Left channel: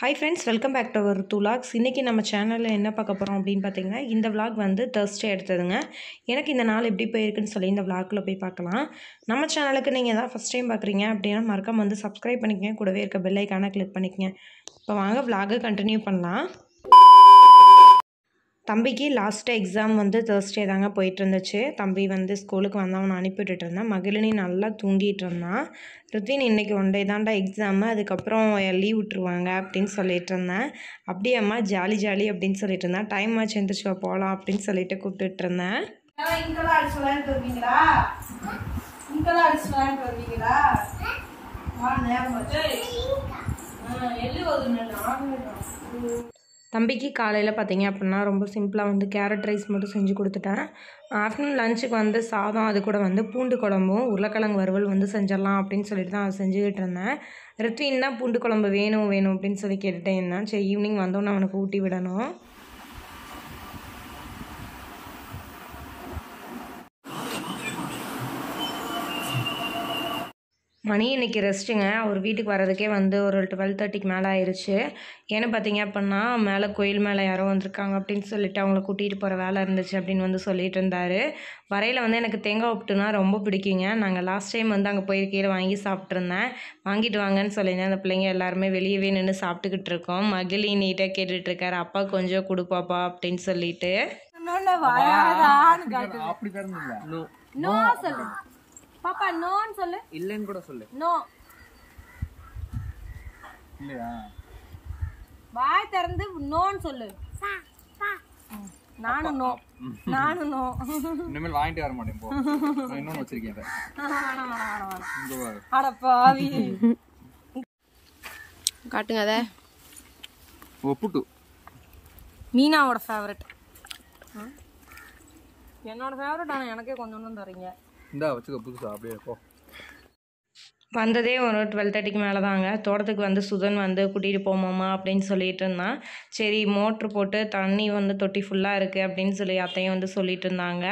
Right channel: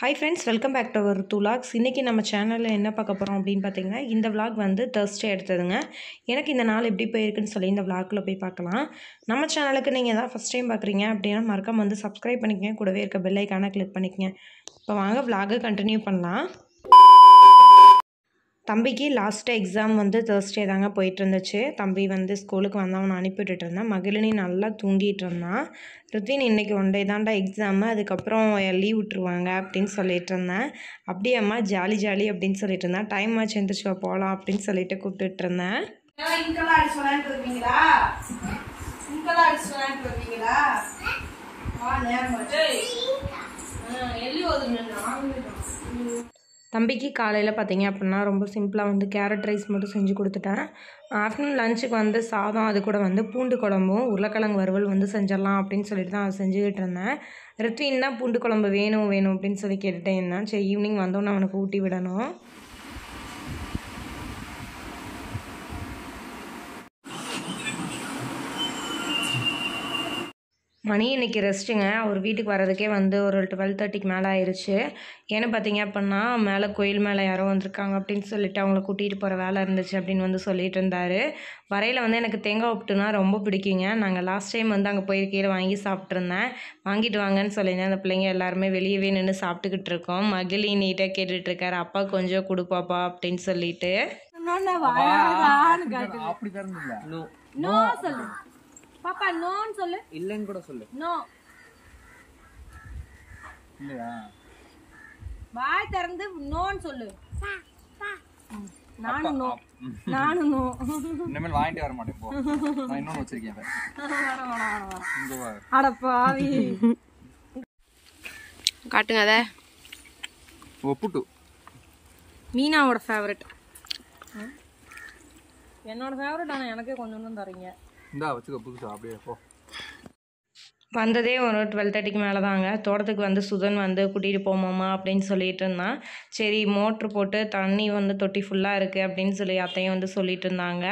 Hi friends, welcome back to our vlogs. இன்னைக்கு நம்ம சேனல்ல என்ன பார்க்க போறோம் அப்படினு பாத்தீங்கன்னா இந்த vlog வந்து Thursday எடுத்ததுங்க. எனக்கு இந்த நாள் எப்படி போயிருக்குன்னு சொல்லி இந்த vlogல போய் பார்க்கலாம். நம்ம சேனலுக்கு நீங்க தான் first time பார்க்கறீங்க அப்படினா மறக்காம வந்து subscribe பண்ணிக்கங்க. கூடவே இருக்க bell icon-ஐ click பண்ணிக்கங்க. இப்போ வாங்க vlog-ஐ continue பண்ணலாம். தம்பிக்கு லாஸ்ட் எக்ஸாம் வந்து Thursday தாங்க போயிட்டு இருந்துச்சு. தம்பி வந்து ஸ்கூலுக்கு வந்தவனை அனுப்பி விட்டுட்டு இருந்தேன். மகிழினி நல்லா தூங்கிட்டு இருந்தான். ருத்வின் இன்னைக்கு ஒன் டே தான்டா எக்ஸாம், அதுக்கப்புறம் லீவ் விட்டுருவாங்க அப்படின்னு சொல்லிட்டு இருந்தேன். அப்படியே அம்மா ஜாலி ஜாலி அப்படின்னு சொல்லிட்டு இருந்தேன். டைம் ஆச்சு எந்திரிச்சு போகலாம் அப்படின்னு சொல்லிட்டு கூப்பிட்டுட்டு இருந்தேன். தம்பிக்கு காலையில் பார்த்தீங்க அப்படின்னா ரொம்ப சிம்பிளாக வந்து கேரட் ரைஸ் மட்டும் செஞ்சு கொடுத்துட்டேன். ஆஃப்டர்நூன் லஞ்சுக்கு வந்து சாதம், அது கூட வந்து பூண்டு குழம்பும் உருளைக்கிழங்கு வறுவல் வந்து செஞ்சிடலாம் அப்படின்னு சொல்லிட்டு தான் அதை செஞ்சுக்கிட்டு இருந்தேன். ரித்வின் தான் பூண்டு குழம்பு வேணும் வேணும் அப்படின்னு சொல்லி கேட்டுகிட்டே இருந்தான். சரி ஈவினிங் வந்தோன்னே அவனுக்கு ஊட்டி விடணும். மணி இன்றைக்கி ரெஸ்ட்டுங்க. அவர் வீட்டுக்கு வர்றதுக்கே வந்து ஒரு 12:30க்கு மேலே ஆயிடுச்சு. ஏன்னு பார்த்தீங்க அப்படின்னா மேலே கோயில் மேலே யாரோ வந்திருக்காங்க அப்படின்னு சொல்லிட்டு அவங்கள கூட்டிகிட்டு போகிற வேலை இருந்துச்சு அப்படின்னு வந்து சொல்லிட்டு இருந்தார். வரையில் வந்து எனக்கு தேங்காய் உப்புட்டுனா ரொம்ப பிடிக்குங்க. நாங்கள் லாஸ்ட் டைம் வந்து அங்கே போயிருக்கையில் வாங்கி சாப்பிட்ருந்தேன். வாங்கிட்டு வாங்கன்னு சொல்லியிருந்தேன். அந்த பிள்ளைங்க எல்லாருமே வெளியவே நின்று சாப்பிட்டுக்கிட்டு இருக்கோம். மகிழி நீட்டாக கேட்டுட்ருக்காரு, அப்பா கொஞ்சம் கொடுப்பாப்பா அப்படின்னு சொல்லிட்டு. பாப்பா நோன்னு சொல்லு. இல்லன்னு கூட சொல்லு. நோ. இல்லையா? வாய் திறந்து நோன்னு சொல்லு. நானும் நோ. நானும் நோ. இனிமேல் வாங்கிட்டு வர மாட்டேன் போ. நான் இன்னொன்னு வச்சிருக்கேன். இங்க வா. அட பாவி. காட்டுங்க அத. ஒப்புட்டு. மீனாவோட ஃபேவரட். என்னோட ஃபேவரட் ஆனா எனக்கே கொஞ்சம் தரீங்க. இந்தா வச்சுக்க புதுசா அப்படியே போ. வந்ததே ஒரு 12:30க்கு மேலே தாங்க. தோட்டத்துக்கு வந்து சுதன் வந்து கூட்டிகிட்டு போமாம்மா அப்படின்னு சொல்லிட்டு இருந்தான். சரி மோட்ரு போட்டு தண்ணி வந்து தொட்டி ஃபுல்லாக இருக்குது அப்படின்னு சொல்லி அத்தையும் வந்து சொல்லிட்டு இருந்தாங்க.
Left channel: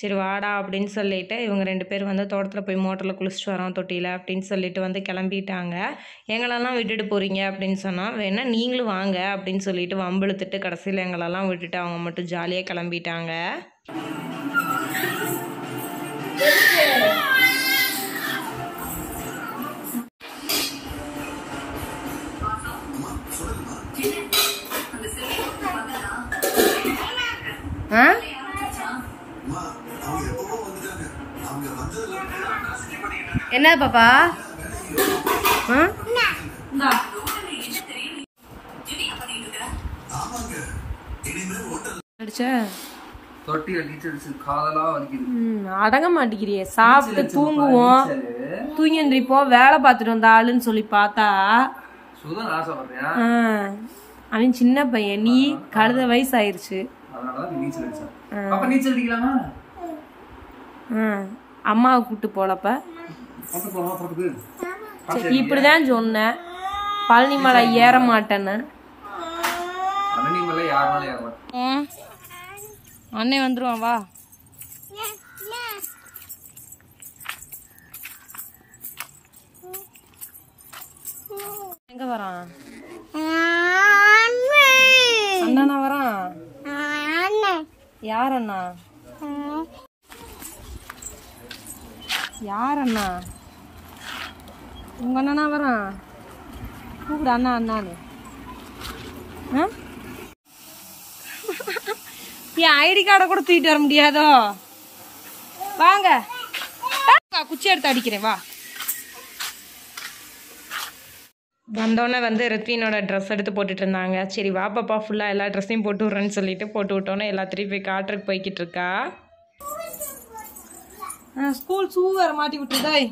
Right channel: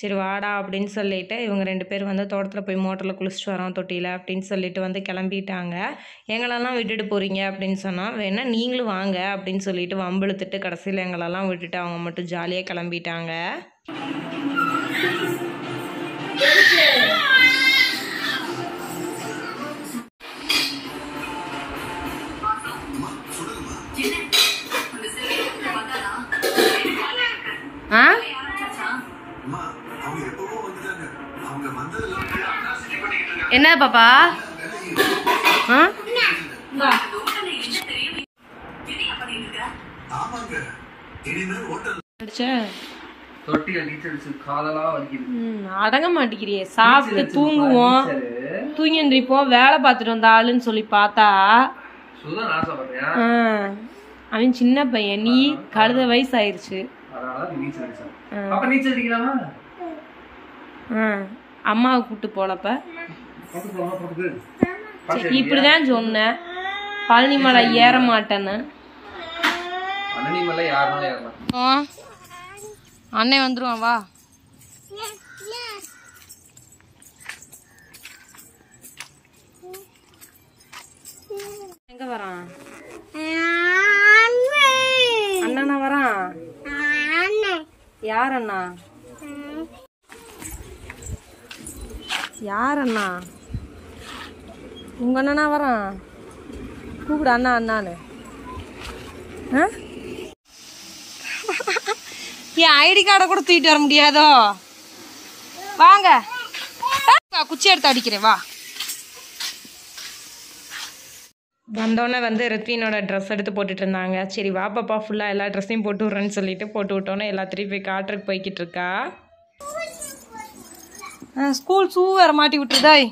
சரி வாடா அப்படின்னு சொல்லிட்டு இவங்க 2 பேர் வந்து தோட்டத்தில் போய் மோட்டரில் குளிச்சுட்டு வரோம் தொட்டியில் அப்படின்னு சொல்லிட்டு வந்து கிளம்பிட்டாங்க. எங்களெல்லாம் விட்டுட்டு போகிறீங்க அப்படின்னு சொன்னால் வேணா நீங்களும் வாங்க அப்படின்னு சொல்லிட்டு வம்பிழுத்துட்டு கடைசியில் எங்களெல்லாம் விட்டுட்டு அவங்க மட்டும் ஜாலியாக கிளம்பிட்டாங்க. என்ன பாப்பா? அடங்க மாட்டேங்கிறியே. சாப்பிட்டு தூங்குவோம், தூங்கி எந்திரிப்போம், வேலை பார்த்துட்டு வந்த ஆளுன்னு சொல்லி பார்த்தா அவன் சின்ன பையன், நீ கழுத வயசு ஆயிருச்சு. அம்மாவை கூப்பிட்டு போலப்ப இப்படிதான் சொன்னேன், பழனி மலை ஏற மாட்டேன்னு. அண்ணன் வந்துருவான் வா. எங்க வரான் அண்ணனா? வரான் யார் அண்ணா? யார் அண்ணா? உங்க அண்ணனா வரான்? கூப்பிடு அண்ணா அண்ணான்னு. என் ஐடி கார்டை கூட தூக்கிட்டு வர முடியாதோ? வாங்க குச்சி எடுத்து அடிக்கிறேன் வா. வந்தோடனே வந்து ரித்வினோட ட்ரெஸ் எடுத்து போட்டுட்டு இருந்தாங்க. சரி வா பாப்பா ஃபுல்லாக எல்லா ட்ரெஸ்ஸையும் போட்டு விட்றேன்னு சொல்லிட்டு போட்டு விட்டோன்னே எல்லாத்திரையும் போய் காட்டுறதுக்கு போய்கிட்டு இருக்கா. ஸ்கூல் ஷூ வேறு மாட்டி விட்டுருதாய்.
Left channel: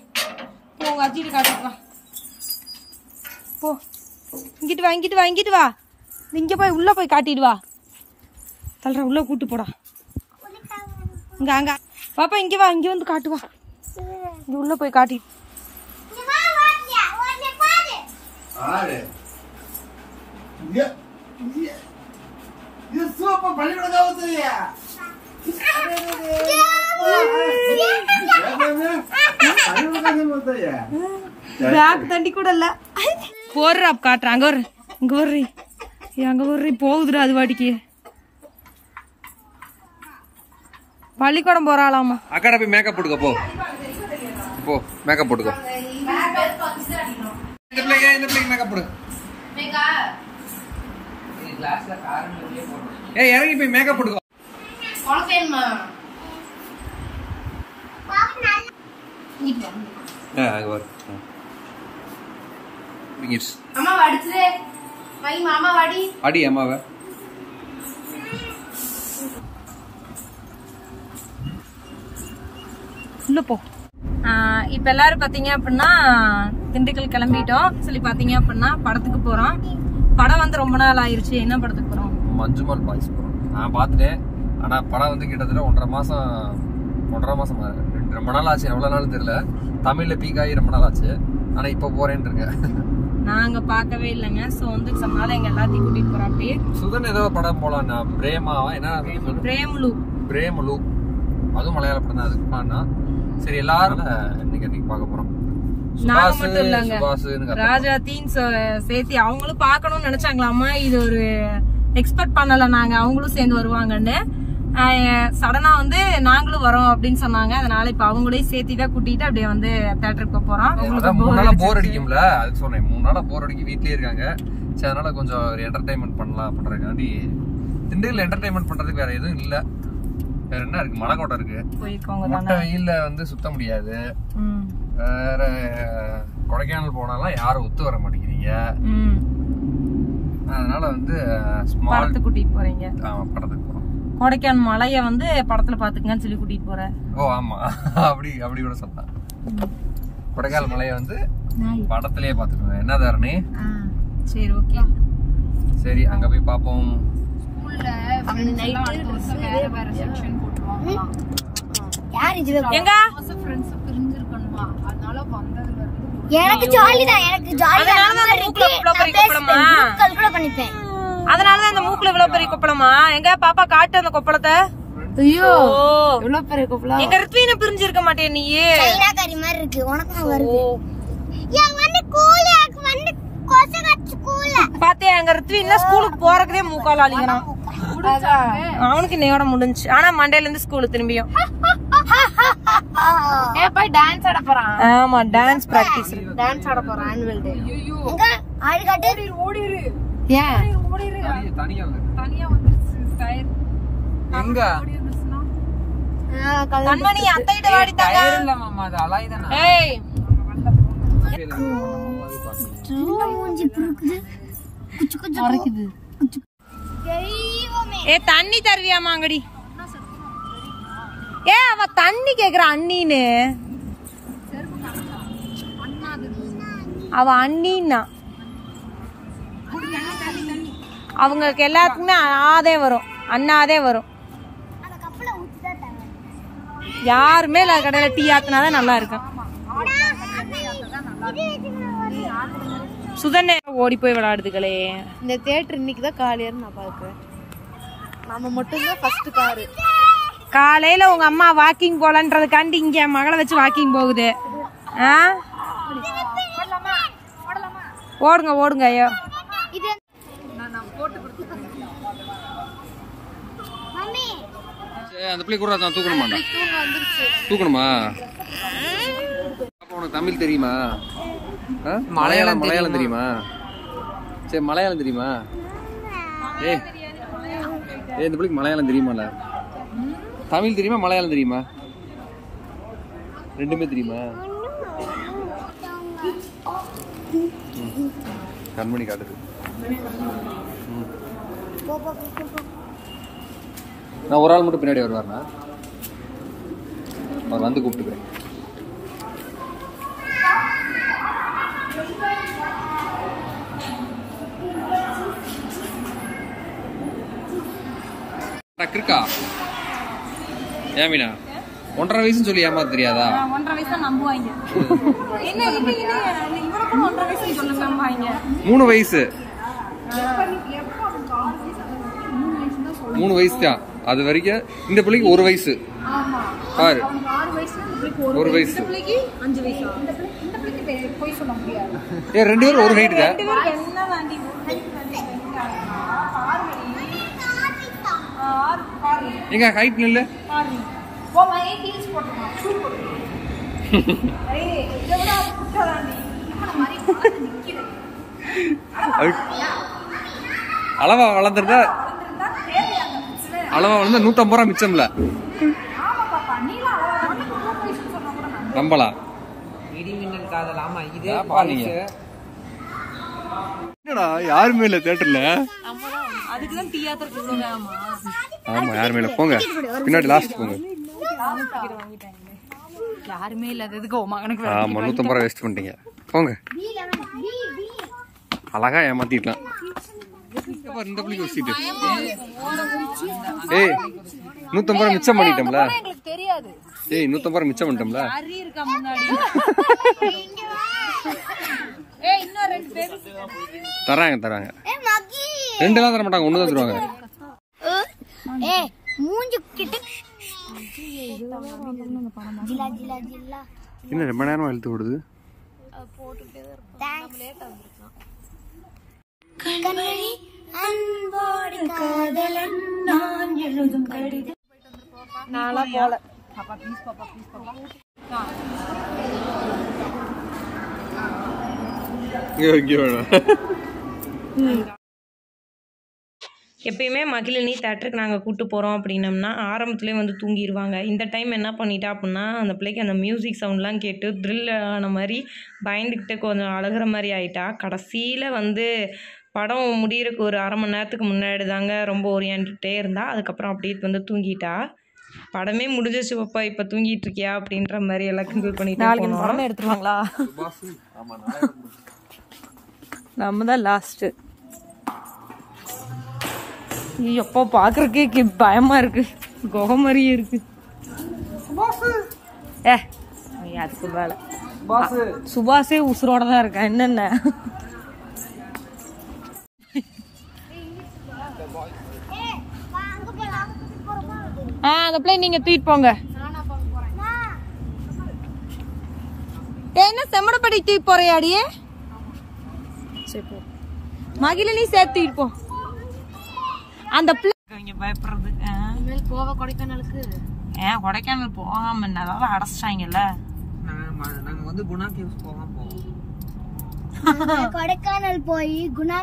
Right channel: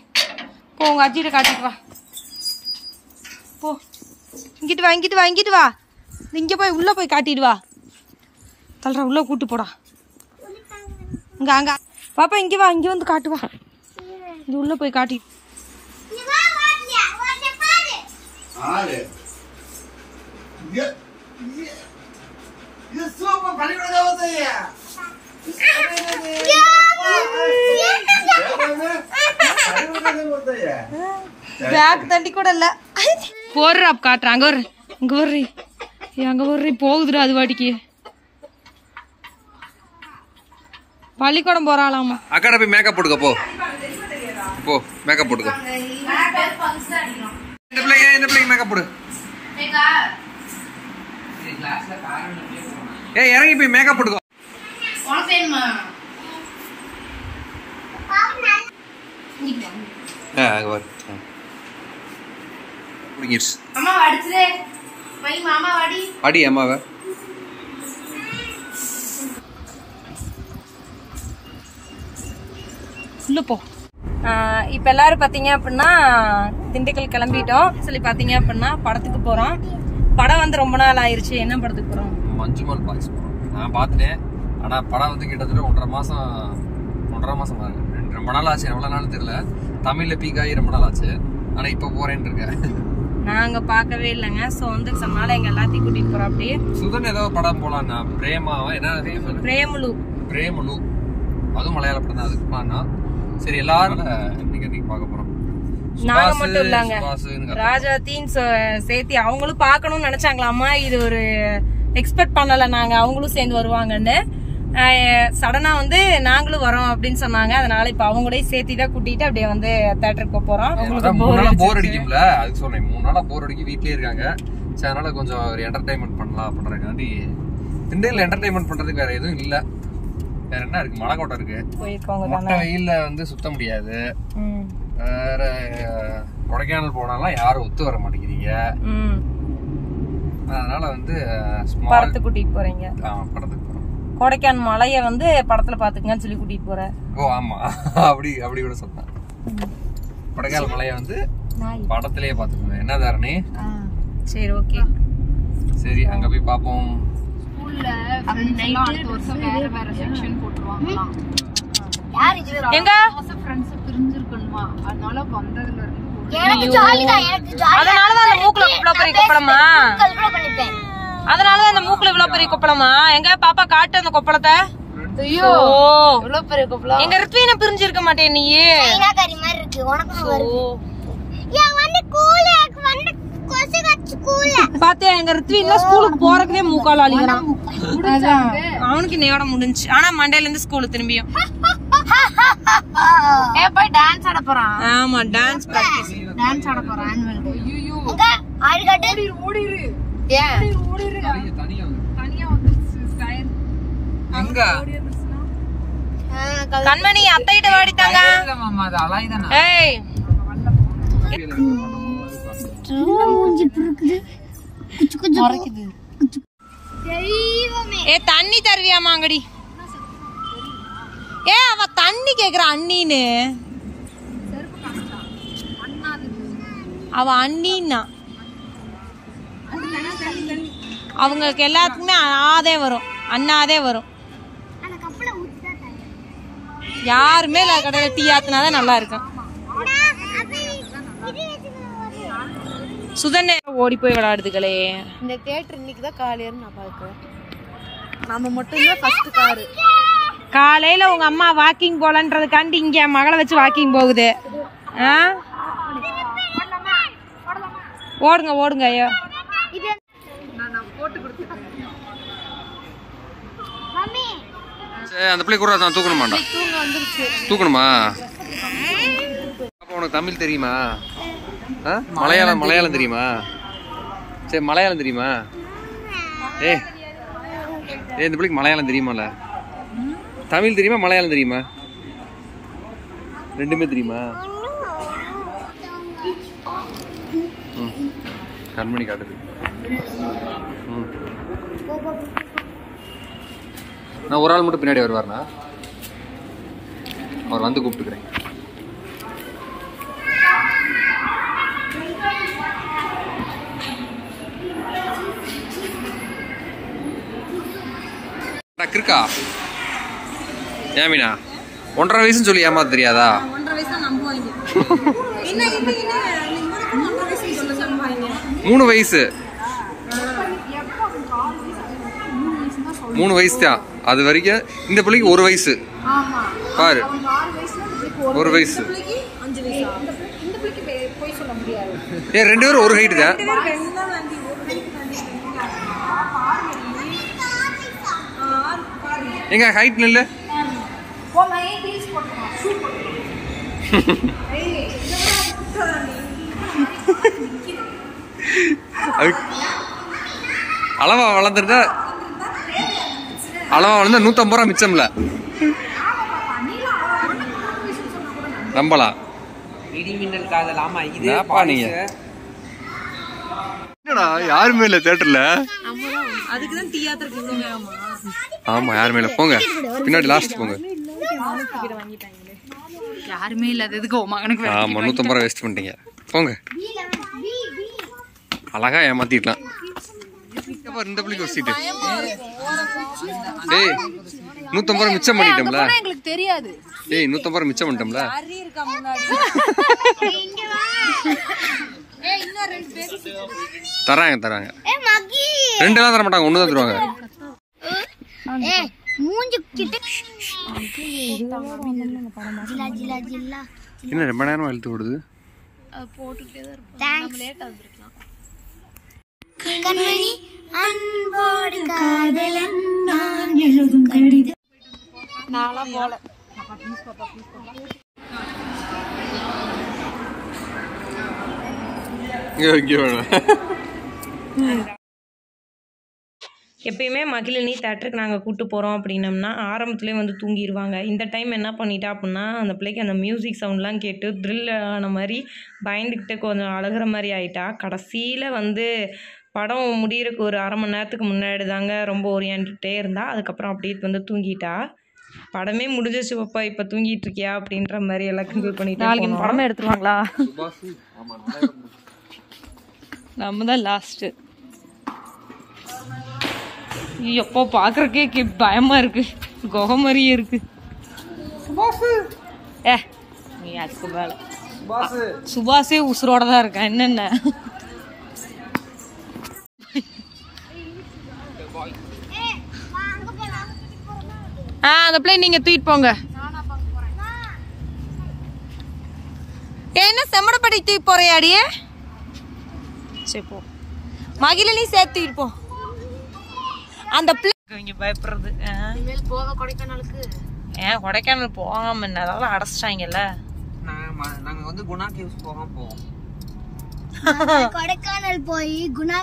போ உங்கள் அஜிட்ட காட்டிட்டு வா. போ இங்கிட்டு வா இங்கிட்டு வா இங்கிட்டு வா. இங்கே போய் உள்ளே போய் காட்டிட்டு வா. தள்ளுற உள்ளே கூட்டு போடா. இங்கே அங்கே பாப்பா இங்கே வா, இங்கே வந்து காட்டு வா. இங்கே உள்ளே போய் காட்டி பேக் தண்டி கூட இல்ல போடுற காட்டுறாங்க ஒரு இங்க வர்றி அங்க வர்றி போகுதுடா அது வாட்டிக்கு. பள்ளிக்கூடம் போறாளாமா. அக்காட போய் மேக்கப் போட்டுக்க போ. போ மேக்கப் போட்டுக்க. இந்த பிள்ளைக்கு மேக்கப் போடு. ஏய் இறங்கி போய் மேக்கப் போட்டுக்க. அங்க வர. புடிங்கிருச்சு. அம்மா அடிச்சே. வை மாமா வாடி. அடி அம்மாவை. உள்ள போ. இப்போ எல்லாரும் பார்த்தீங்க அப்படின்னா திண்டுக்கல் கிளம்பிட்டோம். சொல்லி பார்த்தீங்க அப்படின்னா படத்துக்கு போகிறோம். படம் வந்து ரொம்ப நாள் ஆயிடுச்சு. என்ன படத்துக்கு போகிறோம்? மஞ்சுமல் பாய்ஸ் போகிறோம். நான் பார்த்துட்டேன். ஆனால் படம் வந்து கிட்டத்தட்ட 1.5 மாதம் ரொம்ப நாள் ஆச்சு. எவ்வளோ நாள் தெரியல. தமிழில் பீக் ஆகி ரொம்ப நாள் ஆச்சு. ஆனால் இப்போ போகிறேன்னு இருக்கேன். நாங்கள் பார்க்கவே இல்லைங்க. ஸோ வந்து சொன்னால எங்கள் எல்லாத்தையும் கூட்டிகிட்டு போகிறோம். அப்படியே சுதன் ஏதோ படம் போகலான்னா பிரேமாவா என்ன பிரேமலு அதுவும் மலையாள படம் தான். அதுக்கு நான் சரி எல்லாரும் இன்னைக்கு பார்க்க போறோம். நாங்க மட்டும் இல்லங்க, ராஜாத்தின் சேர்த்தி அவங்களும் பார்க்கணும்னு நினைச்சாங்களாமா. இது ஒரு எக்ஸ்பெக்ட் பண்ணல நாங்க அவங்களும் சேர்ந்து வருவாங்கன்னு. சடனா வந்து நாங்களும் வரோம் அப்படின்னு சொன்னாங்க. அதனால இப்ப அவங்களையும் சேர்த்தி தான் கூட்டிட்டு அப்படியே வந்து தியேட்டருக்கு போறோம். போர் அடிக்கும்ல, அதுக்கு சொன்னேன். 3 நாளா போர் அடிக்கி வீட்லயே இருக்காங்க. சரி அதனால கொஞ்சம் ஒரு என்டர்டைன்மெண்ட் பண்ணலாம் பண்றதுக்காண்டி. திண்டுக்கல்ல என்டர்டைன்மெண்ட் பண்றதுக்கு வேற எதுவும் இல்ல. வேற என்ன இருக்கு? மலைக்கோட்டை இருக்கு. மொட்டை வெயில்ல வந்து சுத்த முடியாது. வேற கொடைக்கானல் போனாலும் யாரும் ஒத்து வர மாட்டேங்கிறீங்க. அதனால வந்து படத்துக்கு கூட்டிட்டு போறீங்க. ஆமா படத்துக்கு போறோம். கொடைக்கானல் மலைய வந்து படத்துல பாத்துக்கங்கன்னு சொல்லி கூட்டிட்டு போறேன். ஓ ஆமா அப்படி கூட சொல்லலாம். கொடைக்கானல் மலைய வந்து படத்திலேயே பாத்துக்கோங்க. என்ன தாரணி? சரி ஓகே. சரி அங்க போய் பாப்போம். அதனாலதான் அந்த மூக்குல இவ்வளவு பெரிய கொப்பளமா? எங்க பாப்பா காட்டு அந்த கொப்பளத்தை. எங்க ரித்வீன பிரிஞ்சிருக்க மாட்டேன் நீ. பாத்தியா எங்க ரித்வீன்ல ஸ்கூலுக்கு போறதுக்கே மூக்கால அழிக்கிறான். அவனுக்கு நேர முடிஞ்சு. ஆனா மண்டேல இருந்து ஸ்கூலுக்கு திரும்பியும் போய் டான்ஸ் ஆட போறான். ஆமா டான்ஸ் பிராக்டிஸ். டான்ஸ் ஆட போறான் ஆனுவல் டே. எங்க ஆடி காட்டு ஓடிரு. ஏன் ஓடிரு? தனியா வந்துச்சு ஸ்டைல். எங்க கண்மணி அத்தைட்ட வாடிட்டாங்க. இல்ல மாமா அது அலைதானே. ஏய் மூஞ்சி புருக்குது. குச்சு குச்சு மறைக்குது. தெய்வமே. ஏ தண்ணி தருவியாமா அங்கடி? ஏ அவ தண்ணி கேக்குற அண்ணின்னு. அவ அண்ணின்னா அவங்களுக்கு எல்லாத்துக்குமே ஆதே வரும், அண்ணாதே வரும். யாருமே இல்ல கடையில டீ ஆத்தினாதான் நல்லா இருக்கும். சுதனே ஓடி போய் விளையாடுதுகளே. இந்த தியேட்டர் இன்னைக்கு தான் காலையில நான் பார்ப்பேன். நம்ம மட்டும் தான் ஃபர்ஸ்ட் கார். காலையில உங்க அம்மா வாக்கிங் போலன்றதுக்காண்டி இங்க மகளை வச்சு வாக்கிங் போகுது. ஓடுங்க ஓடுங்க. ஐயோ அந்த பிள்ளை கூட நான் தூக்கணுமாண்டா? தூக்கணுமா? அப்ப உனக்கு தமிழ் தெரியுமா? மலையாளம் தெரியுமா? சரி மலையாளம் தெரியுமா? ஏ இந்த பிள்ளைக்கு மலையாளம் தெரியுமால? தமிழ் தெரியுமா மலையாளம் தெரியுமா? ரெண்டுமே தெரியுமா? கண்மணி காட்டுது. நான் ஒரு ஆள் மட்டும் பின்னாடி வருவார்னா அவர் வந்து கூப்பிட்டுக்கிறேன். இருக்கா ஏமீனா 1.5 வயசுன்னு சொல்லி ஏமாத்த தெரியாதா? 1.5 வயசு நம்புவாங்க. 3 வயசு 3 வயசு தான். அது வரைக்கும் இந்த பிள்ளைக்கு 1 வயசு பாரு. 1 வயசு. ஏ 2 பேரும் ஒரு ஹைட் தான். எங்க ஹைட் நில்லு. அளவா வளர்ந்துருந்தா 150 ரூபா மிச்சம்ல நம்பலாம். நீங்க என்னடா யாருமே இல்ல தியேட்டர்ல. ஆமா யாருமே இல்ல. போங்க பின்னாடி லாஸ்ட் போங்க. யாருமே இல்லாததுக்கு மகனுக்கு ஆமா 150 ரூபா வேஸ்ட் பண்ணிட்டீங்க. போங்க அழகா ஏமாத்திடலாம். இந்த பிள்ளைக்கு ஒரு சீட்டு. ஏய் 150 ரூபா மிச்சம் பண்ணிட்டோம்ல. எங்களுக்கு தெரியாது. ஏய் 150 ரூபா மிச்சம் பண்ணிட்டோம்ல. ஹரி இருக்கா முன்னாடி. ஏய் இன்னும் 2 பேர் தராங்க. 2 எல்லாம் தர மாட்டாங்க, 1 தான் தருவாங்க. ஏய் மூஞ்சி கிட்ட ஜிலா ஜிலா ஜிலா என்ன ரொம்ப நேரமா இழுத்து ஓடுது. போட்டுட்டே தான் இருப்போம். நாம லேட்டா வந்திருக்கோம். கண்மணி அன்போடு காதலன் நான் எழுதும் கடிதம். நாளா போல. இங்க வேணும். எப்பயுமே மகிழினி தேட்டருக்கு நாங்கள் கூப்பிட்டு போகிறோம் அப்படின்னம்னா ஆரம்பத்துலேயே வந்து தூங்கிடுவாங்க. இந்த டைம் என்ன பண்ணிட்டா அப்படின்னா அந்த பிள்ளைக்கு அந்த மியூசிக் சவுண்ட்லாம் கேட்டு த்ரில் ஆன மாதிரி பயந்துக்கிட்டு கொஞ்சம் அழுகிற மாதிரி ஆயிட்டா. கடைசியில் வந்து படம் முடியறதுக்கு ஒரு அரை மணி நேரத்துக்கு முன்னாடி தாங்க ரொம்ப ஓரியாண்டுகிட்டே இருந்தா. அதுக்கப்புறம் அப்படியே வந்து தூங்கிட்டா. படமே முடிஞ்சிச்சு பாப்பா இப்போ தூங்கிட்டு இருக்கியா அப்படின்ற மாதிரி எல்லாம் கிண்டல் பண்ணிட்டு போனோம். எடுத்துருவாங்களா? நம்ம தான் லாஸ்ட். எப்போ பாக்குறதுக்கே பயமா இருக்கு, குகை மாதிரியே இருக்கு. நீ அதுக்கு மேல சுபாஷே உசுரோட தான் இருக்கா. என்னென்ன அந்த பிள்ளை நீங்க தூக்கிட்டு போங்க. என்ன செம்மடப்படி தூக்கி போறியாடியே? சரி போ. மகிழினி சேர்த்து தூக்கிட்டு போ. அந்த பிள்ளை பயப்படுறது. கொடைக்கானலுக்கு கொடைக்கானல் போகாம என்ன அதெல்லாம் அடைச்சிட்டாங்கல்ல. நாங்க வந்து குணா கேவ்ஸ் போவோம். கொடைக்கானல் போய் குணா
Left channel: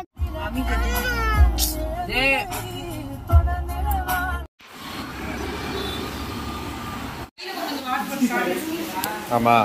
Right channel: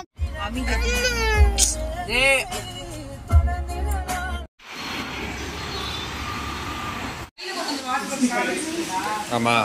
ஆமா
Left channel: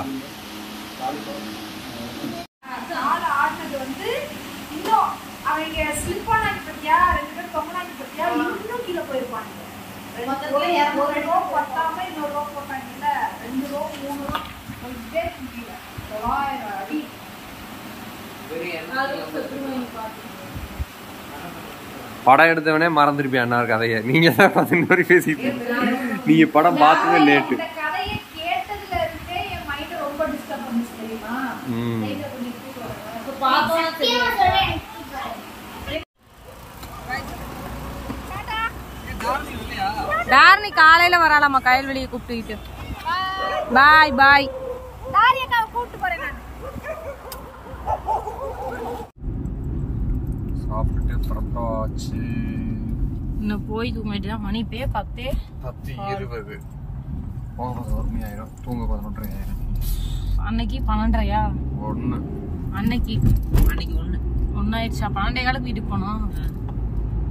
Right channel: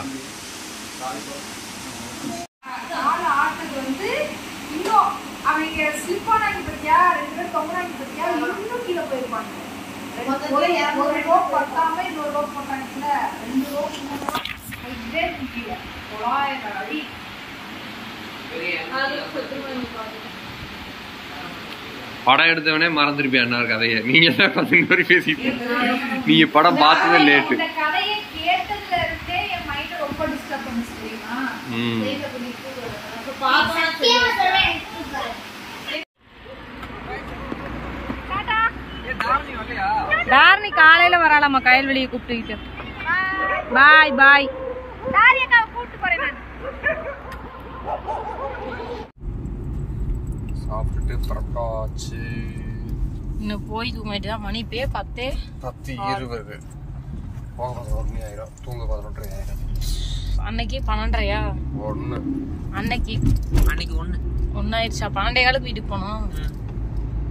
படம் எடுத்தவனே மறந்துருப்பியா அண்ணா கதையை. நீங்க தான் மாதிரி பேசிட்டு நீங்க படம் பார்த்ததே லேட்டு. தாரணி காலையில வராளாமா கயல்வெளியை கூப்பிட்டுக்கிட்டு. பாய் பாய். கூப்பிட்டு போறேன் நான். சாப்பிட்டு பரப்பாச்சு. இன்னும் போய் தூங்கிட்டு தான் மணி பே 10:20. தூங்க 11:30. அன்னைக்கு 12:30. 1 அன்னைக்கு 1 ஆயிடுச்சா? 12:15 வீட்டுக்கு போனோம்.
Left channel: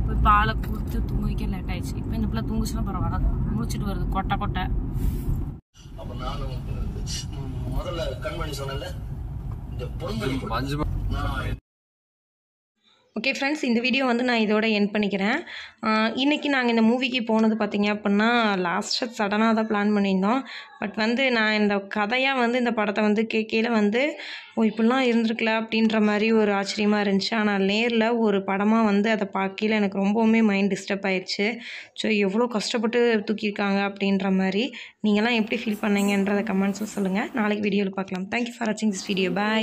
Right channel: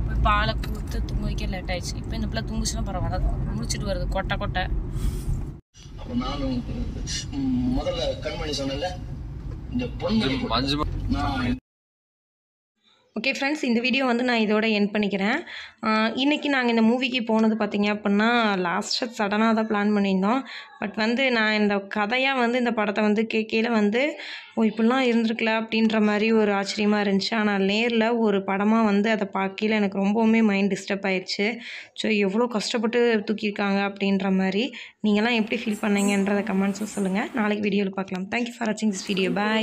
போய் பாலை கொடுத்து தூங்க வைக்க லேட் ஆயிடுச்சு. இப்போ இந்த பிள்ளை தூங்குச்சுன்னா பரவாயில்ல, முடிச்சுட்டு வருது கொட்டை கொட்டை. முதல்ல கண்மணி சொன்னல இந்த பொண்ணு ஓகே ஃப்ரெண்ட்ஸ், இந்த வீடியோ வந்து நான் இதோட எண்ட் பண்ணிக்கிறேன். இன்றைக்கி நாங்கள் இந்த மூவிக்கு போனது பார்த்திங்க அப்படின்னா லாஸ்ட்டாக சடனாக தான் பிளான் பண்ணியிருந்தோம். பட் வந்து நான் இந்த கதையாக வந்து இந்த படத்தை வந்து கேட்கையில் வந்து இப்படிலாம் இருந்திருக்கல அப்படின்ற மாதிரி ஒரு ஆச்சரியமாக இருந்துச்சு. ஆனால் நேரில் ஒரு படமாக வந்து அதை பார்க்கையில் எனக்கு ரொம்பவுமே மைண்ட் டிஸ்டர்ப் ஆயிடுச்சு. ஸோ எவ்வளோ கஷ்டப்பட்டு தூக்கியிருக்காங்க அப்படின்ற மாதிரி. நீங்கள்லாம் எப்படி ஃபீல் பண்ணீங்கன்றதை கமெண்ட்ஸில் சொல்லுங்கள். நாளைக்கு வீடியோவில் பார்க்கலாம். தேங்க்யூ ஃபார் வாட்சிங் திஸ் வீடியோ. பாய்.